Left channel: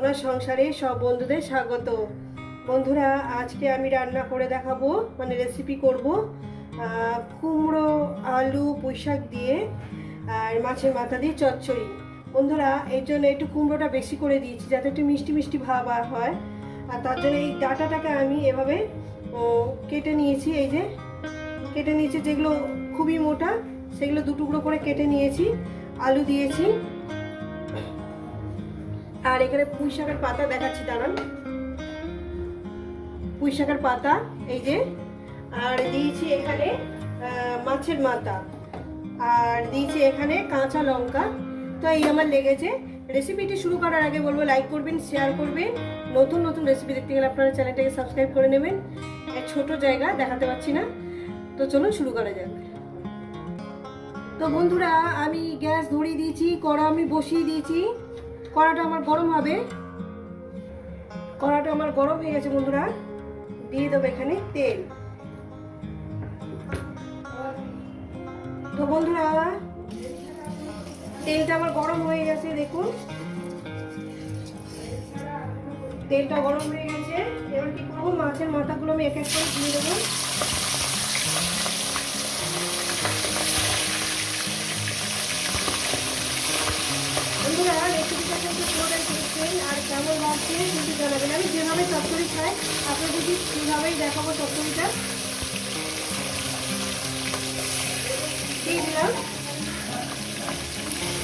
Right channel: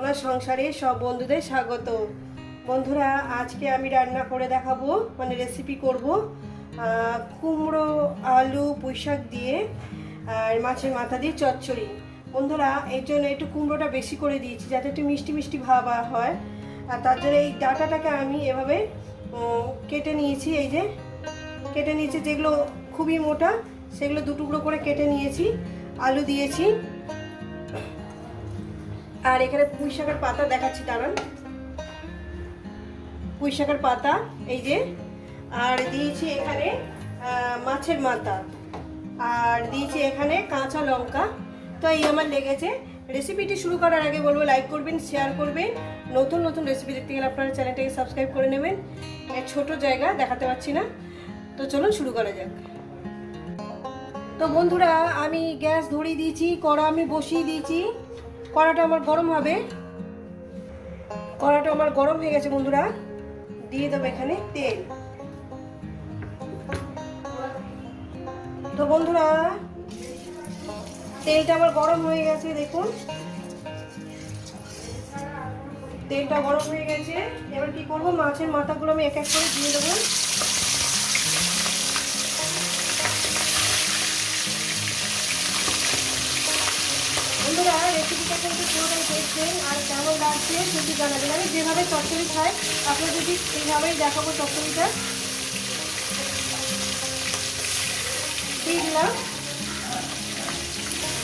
সোনার সংসারে সব বন্ধুদের স্বাগত। বন্ধুরা, আজকে আমি রান্না করে দেখাবো মানে রেসিপি করব কুমড়ো, আলু, পুঁইশাক দিয়ে, আর মাছের মাথা দিয়ে চচ্চড়ি। বন্ধুরা, এর জন্য একটু কুমড়োটা বেশি করে দিয়েছি, যাতে একটু মিষ্টি মিষ্টি ভাব হয়। আর তার জন্য এই ডাটাটাকে আমি এভাবে কেটে নিয়েছি, এই যে, কেটে নিয়েছি যেগুলো খুবই মোটা, সেগুলো দু টুকরো করে কেটে নিয়েছি, আলু দিয়েছি। আর এখানে পুঁই শাকের পাতা দেখাচ্ছি, দাঁড়ান। পুঁই শাকের পাতা, এই যে। আর দিয়েছি এখানে মাছের মাথা। আর দিয়েছি এখানে কাঁচা লঙ্কা। তো এই আমার লেগেছে। রেসিপিটি শুরু করার আগে বলব লাইক করবেন শেয়ার করবেন। নতুন নতুন রেসিপি দেখতে গেলে আপনারা চ্যানেলটাকে সাবস্ক্রাইব করে নেবেন। ছোট জায়গা দেখাতে পাচ্ছি না। তো চলুন শুরু করা যাক। তো বন্ধুরা, আমি গ্যাস ধরিয়ে দিয়েছি, কড়া আমি বসিয়ে দিয়েছি। কড়াটা আমার গরম হবে। কড়াটা আমার গরম হয়ে গেছে বন্ধুরা। দিয়ে দেবো এখানে তেল। তো বন্ধুরা, তেলটা আমার গরম হয়ে গেছে, দেখুন। তেলটা গরম হয়ে গেছে। এবার কি করব? মাছের মাথাগুলো আমি এক এক করে দিয়ে দেবো। পুরোটাই আর কেমন লাগছে কিন্তু জানাবেন আমি যেভাবে চচ্চড়ি খাই আপনারা যদি এইভাবেই দেখাবো চচ্চড়িটা দিয়ে দিলাম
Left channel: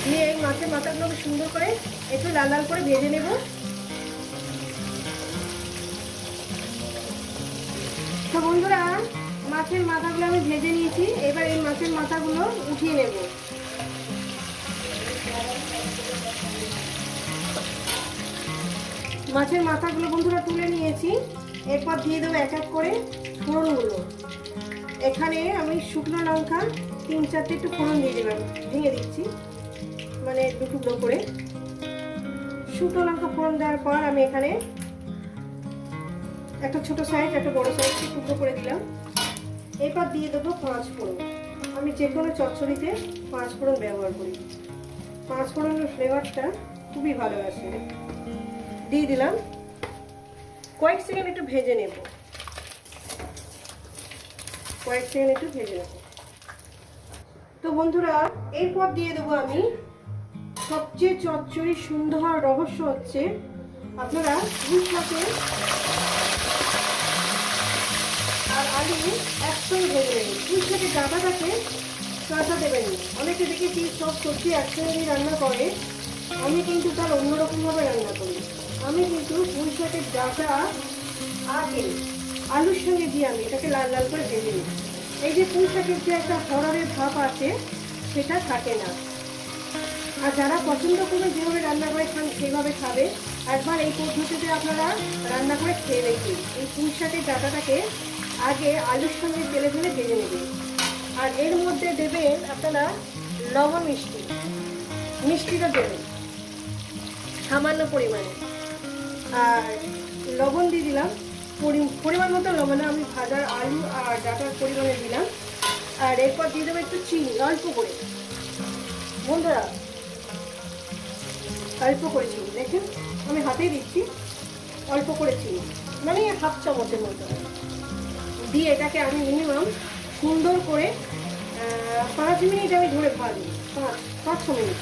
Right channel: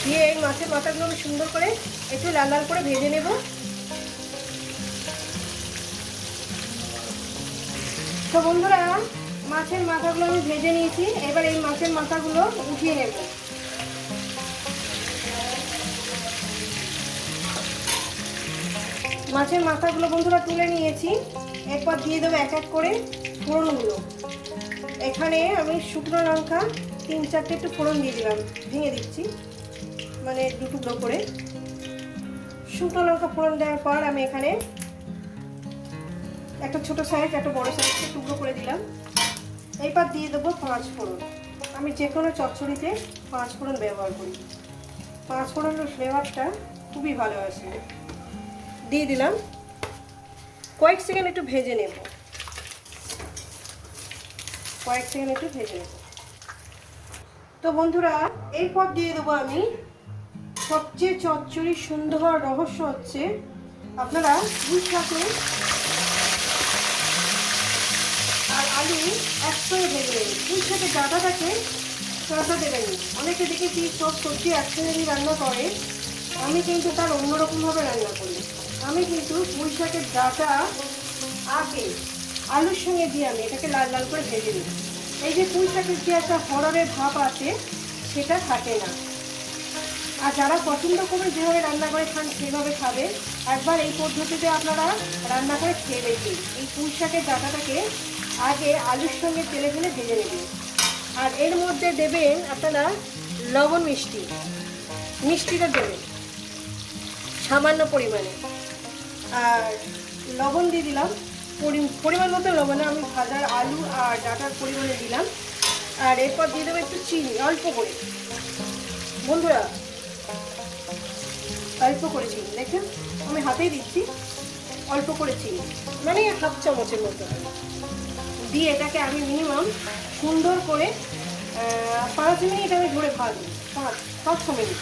দিয়ে মাছের মাথাগুলো সুন্দর করে একটু লাল লাল করে ভেজে নেব তো বন্ধুরা, মাছের মাথাগুলো আমি ভেজে নিয়েছি। এবার এই মাছের মাথাগুলো উঠিয়ে নেব। মাছের মাথাগুলো বন্ধুরা তুলে নিয়েছি। এরপর দিয়ে দেবো এক এক করে ফোড়নগুলো। এখানে আমি শুকনো লঙ্কা তিন চারটে একটু ফোড়ন দিয়ে দিলাম, ভেঙে দিচ্ছি মানে দু টুকরো করে। শুকনো লঙ্কা ফোড়ন দেওয়ার পর আমি এখানে একটা ছোট সাইজ, একটা বড় সাইজ একটু টুকরো করে দিলাম। এরপর দিয়ে দেবো পাঁচ ফোড়ন। আমি যে কোনো চচ্চড়িতে পাঁচ ফোড়ন ব্যবহার করি। পাঁচ ফোড়নের ফ্লেভারটা খুবই ভালো আসে। দিয়ে দিলাম। কয়েক সেকেন্ড একটু ভেজে নেব। কয়েক সেকেন্ড একটু ভেজে নেব। তো বন্ধুরা, এরপর দিয়ে দেবো আমি সবচেয়ে চচ্চড়ি সুন্দর রহস্য হচ্ছে, আপনারা দুধ সাথে আর আলু একসঙ্গে ভেজে নেবেন দুধ সাথে ডাটাটাকে কাঁচা দেবেন অনেকে দেখেছি সব সবজি একসঙ্গে রান্না করে আমি কিন্তু তার অন্যরকমভাবে রান্না করি। আমি কিন্তু পুঁই শাকের ডাটা আগে আলুর সঙ্গে দিয়ে আমি এটাকে লাল লাল করে ভেজে নিই এই যে পুঁই শাকের যে একটা হররের ভাব আছে, সেটা থাকে না। আর যারা পছন্দ করে যেভাবে রান্না করে খান, সেভাবে খাবে। একবার এই পদ্ধতিতে আপনারা রান্না করে খেয়ে দেখবেন এই পুঁই শাকের ডাটাটাকে আগে আলুর সঙ্গে তেলে ফেলে ভেজে নেবেন। আর এর মধ্যে দেবেন আপনারা লবণ মিষ্টি। মিষ্টিটা দেবেন। সামান্য পরিমাণে। আর লবণ দিয়ে দিলাম। পরি- পরিমাণ মতো লবণে। আমি ভাজার আলু আর ডাটার পরিমাণে দিলাম। আর এরপর দিয়ে দেবো একটু চিনি, অল্প করে। বন্ধুরা, অল্প করে চিনি। দেখেন, আমি হাতেই দিচ্ছি। অল্প করে চিনি। মানে হাফ চামচের মতো। দিয়ে এটাকে আমি মিনিমাম সুন্দর করে পাঁচ মিনিট আমি ধরে ভাজবো। পাঁচ পাঁচ, ছ মিনিট।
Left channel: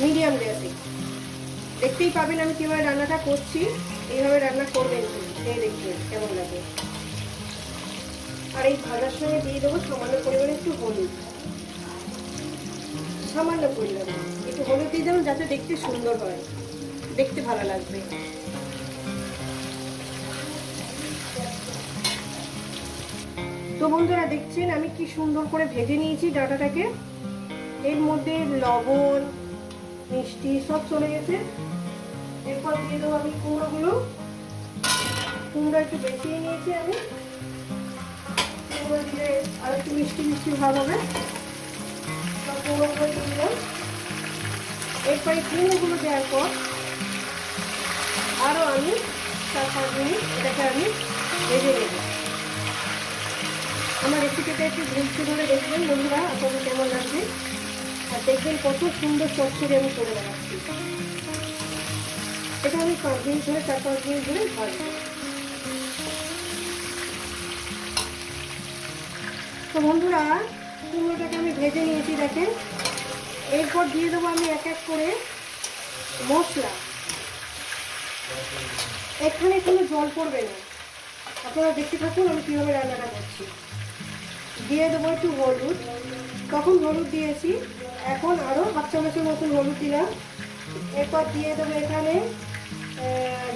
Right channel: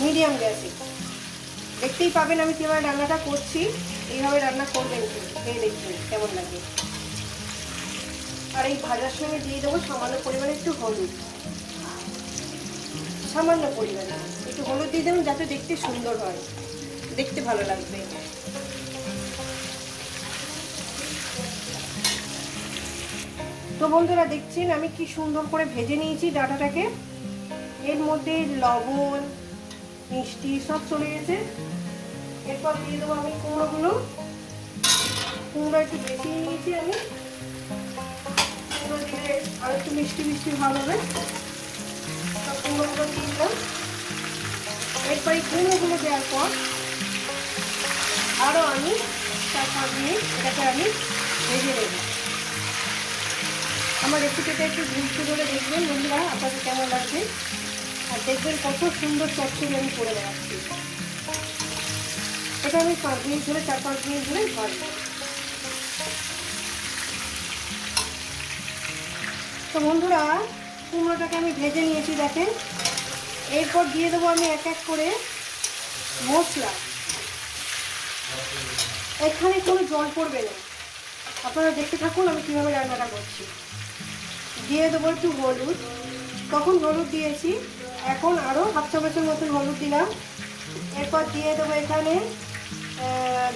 মিডিয়াম গ্যাসে। দেখতেই পাবেন আমি কীভাবে রান্নাটা করছি। এইভাবে রান্না করবেন খেয়ে দেখবেন, কেমন লাগে। আর এই ভাজার সঙ্গে দিয়ে দেবো সামান্য পরিমাণে একটু হলুদ। সামান্য পরিমাণে, একটু হলুদ দিয়ে দেবেন যাতে দেখতে সুন্দর হয়। দেখতে ভালো লাগবে। তো বন্ধুরা, দেখছেন আমি কি সুন্দর করে ভেজে নিয়েছি ডাটাটাকে। এর মধ্যে লবণ মিষ্টি সব চলে গেছে। এরপর দিয়ে দেবো আমি কুমড়োগুলো। কুমড়ো একটু বেশি নিয়েছি আমি। কুমড়ো দিলে আর একটু মিষ্টি মিষ্টি ভালো হবে। কুমড়োগুলো দিলাম এরপরে কুমড়োগুলো দেওয়ার পর আরও আমি চার পাঁচ মিনিট এটাকে আমি ভেজে নেব। আমার রেসিপিটা একটু ধরে দেখবেন বন্ধুরা, আপনাদের কেমন লাগবে? দেখবেন কত সুন্দর চচ্চড়ি আমি করে রাখছি এটা আমি পাঁচ মিনিট ধরে, চার পাঁচ মিনিট ধরে তো বন্ধুরা, কুমড়োটাকে আমি ভেজে নিয়েছি, দেখেন। এরপর দিয়ে দেবো আমি এক এক করে মশলা। এখানে কোনো জল পড়বে না। আপনারা দেখতে থাকুন আমি কীভাবে রান্নাটা করছি। দিয়ে দেবো একটু হলুদ। তখন হলুদ দিয়েছি। এখন আরও হাফ চামচের মতন হলুদ দিলাম। এরপর দিয়ে দেবো এখানে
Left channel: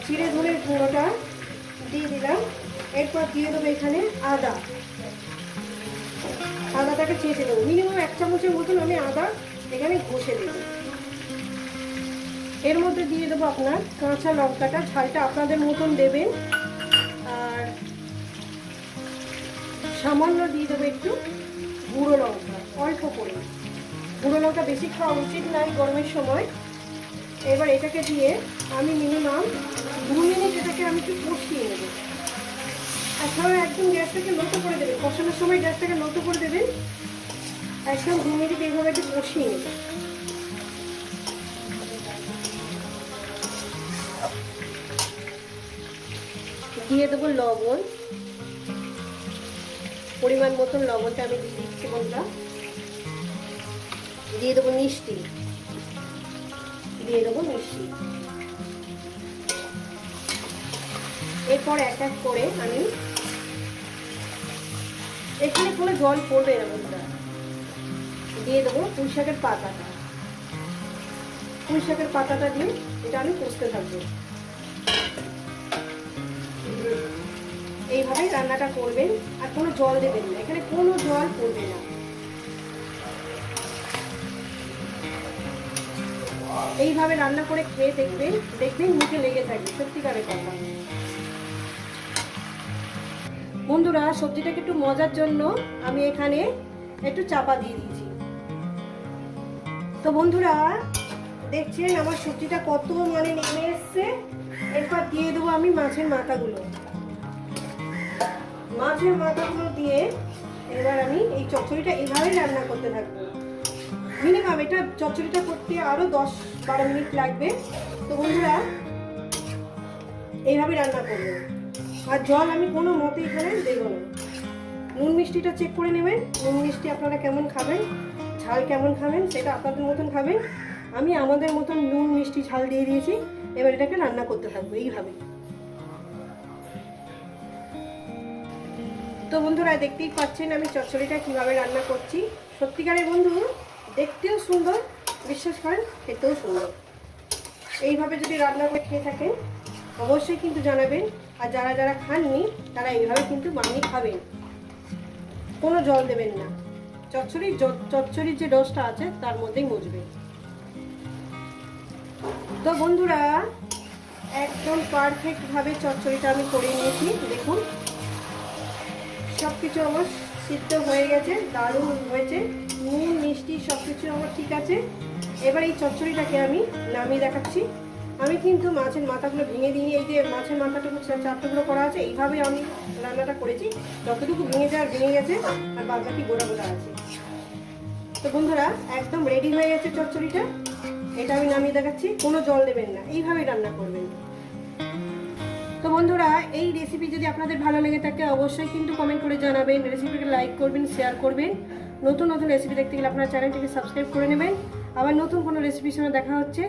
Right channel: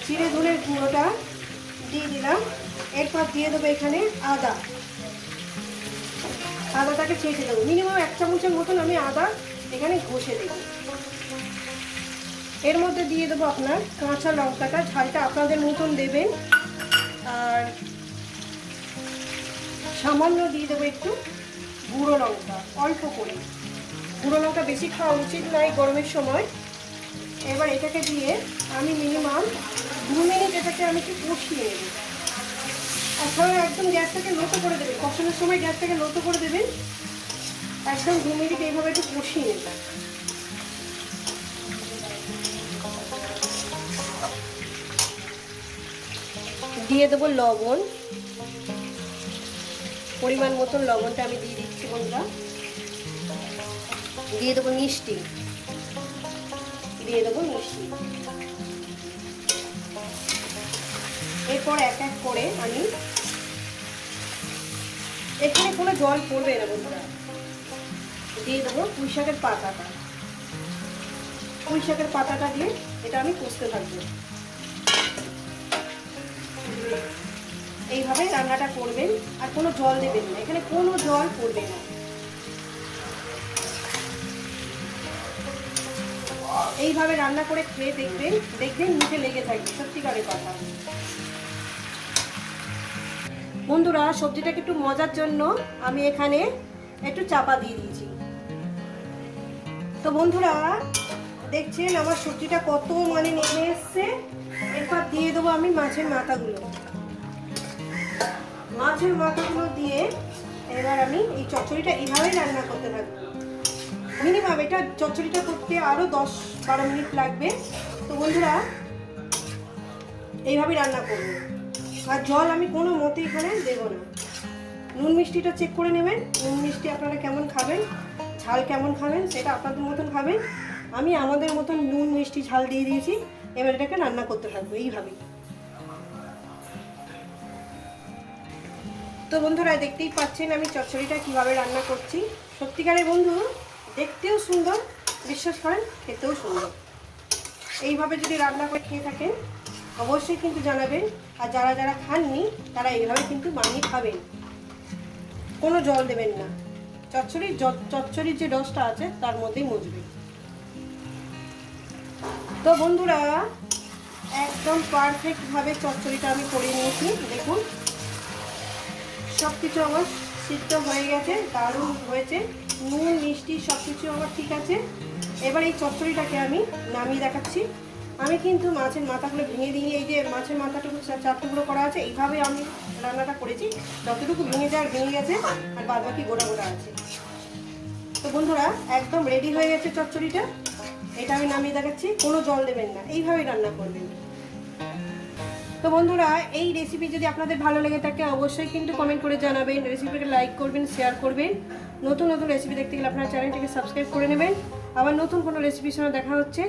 জিরে ধনের গুঁড়োটা দিয়ে দিলাম। এরপর দিয়ে দেবো এখানে আদা। আদাটাকে ছেঁচে দেবো। মিনিমাম এক চামচের মতন আমি আদা এখানে ঘষে দেবো এর মধ্যে দিয়ে দেবো আপনার কাঁচা লঙ্কাটা, ঝালটা আপনাদের মতন দেবেন। আর সামান্য দিয়ে দেবো একটু গুঁড়ো লঙ্কা, অল্প করে। লঙ্কা বেশি খাওয়া উচিত নয় গরমের সময়। এবার এটাকে দিয়ে আমি মিনিমাম দু মিনিট এটাকে আমি একটু কষিয়ে নেব। আপনারা একদম গ্যাসটাকে লো করে দেবেন। কষানোর সময় গ্যাসটাকে লো করে দেবেন। একদম দু মিনিট এইভাবে একটু কষিয়ে নেবেন। দিয়ে দেবো লবণ। পরিমাণ মতন লবণটা আমি দিয়ে দিচ্ছি বন্ধুরা। দিয়ে দেবো মিষ্টি। দিয়ে দেবো মিষ্টি। এরপর এক এক করে আমি এখানে কোনো জল পড়বে বন্ধুরা দিয়ে দেবো পুঁই শাকের পাতাটা। পুঁই শাকের পাতাটা দিয়ে এটা আমি কষতে থাকব। এইভাবে রান্নাটা করবেন আর কোনো জল দেবেন না। এখানে কোনো জল পড়বে না। এইভাবে রান্না করে খেয়ে দেখবেন দেখবেন মুখে লেগে থাকবে, সত্যিকারের কথা। বন্ধুরা, সবজিটাকে একটু মজার জন্য আমি এখানে একটু চাপা দিয়ে দিয়েছি। তো বন্ধুরা, দেখছেন আমার সবজিটা কত মানে নেমে এসছে? এরপর দিয়ে দেবো আমি মাছের মাথাগুলো। মাছের মাথাগুলো দিয়ে এবার আমি এই চচ্চড়িটা এইভাবেই রান্না করতে থাকব। মিনিমাম এটা চচ্চড়িটা করতে আরও দশ বারো মিনিট লাগবে। তো বন্ধুরা এইভাবেই রান্না করব। আর জল আমি কোনো মতে এখানে দেবো না। নুন মিষ্টিটা চেক করে নেবেন, নুন মিষ্টি আপনারা কেমন খাবেন, ঝাল কেমন খাবেন, সেটা আপনাদের মতন খাবেন। আমি আমাদের মতন নুন মিষ্টি ঝাল দিয়ে দিয়েছি, এবার এটাকে রান্না করতে থাকব এইভাবেই। তো বন্ধুরা, দেখতেই পাচ্ছেন আমি চচ্চড়িটা কীভাবে রান্না করছি। সত্যিকারের বন্ধু? সুন্দর, বিশ্বাস করেন, খেতেও সুন্দর। এইভাবে যদি রান্না করে খেয়ে থাকেন, অবশ্যই কিন্তু জানাবেন। আর যারা যারা খাননি, তারা এইভাবে কিন্তু বানিয়ে খাবেন। কোনো জল দেবেন না। চচ্চড়ির চচ্চড়ির যে ডোজটা আছে, তার মধ্যেই মজবে তো বন্ধুরা, একদম পারফেক্টভাবে চচ্চড়িটা আমি করে নিয়েছি। দেখুন সব কিছু আমার সিদ্ধ হয়ে গেছে, দারুণ হয়েছে, নুন, মিষ্টি সব কিছু আমার ঠিক আছে। এবার এই চচ্চড়িটাকে আমি নামিয়ে দেখাচ্ছি। আমি কিন্তু মাছের মাথাগুলো ভেঙে দিয়ে, এই যে মাছের মাথাটুকু চা- চারটুকরো করা আছে, এইভাবে আমি রান্নাটা করেছি। যতটুকু ভেঙে যায় ভেঙে গেছে, আর বাদ বাকি গোড়া গোড়া আছে। তো বন্ধুরা, একদম রেডি হয়ে গেছে চচ্চড়িটা। এটা আমি নামিয়ে দেখাচ্ছি, কোনো জল দেবেন না। এইভাবেই রান্না করবেন। তো বন্ধুরা, এই রেসিপি যদি আপনাদের ভালো লেগে থাকে, অবশ্যই কিন্তু কমেন্ট করে জানাবেন। রেসিপিটা লাইক করবেন শেয়ার করবেন। নতুন নতুন রেসিপি দেখতে গেলে আপনার চ্যানেলটিকে সাবস্ক্রাইব করে নেবেন। আবার নতুন কোনো রেসিপির সঙ্গে দেখা হচ্ছে।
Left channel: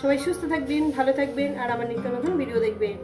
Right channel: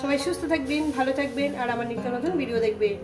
সবাই সুস্থ থাকবেন, ভালো থাকবেন, আর আমার নিত্য নতুন ভিডিও দেখবেন।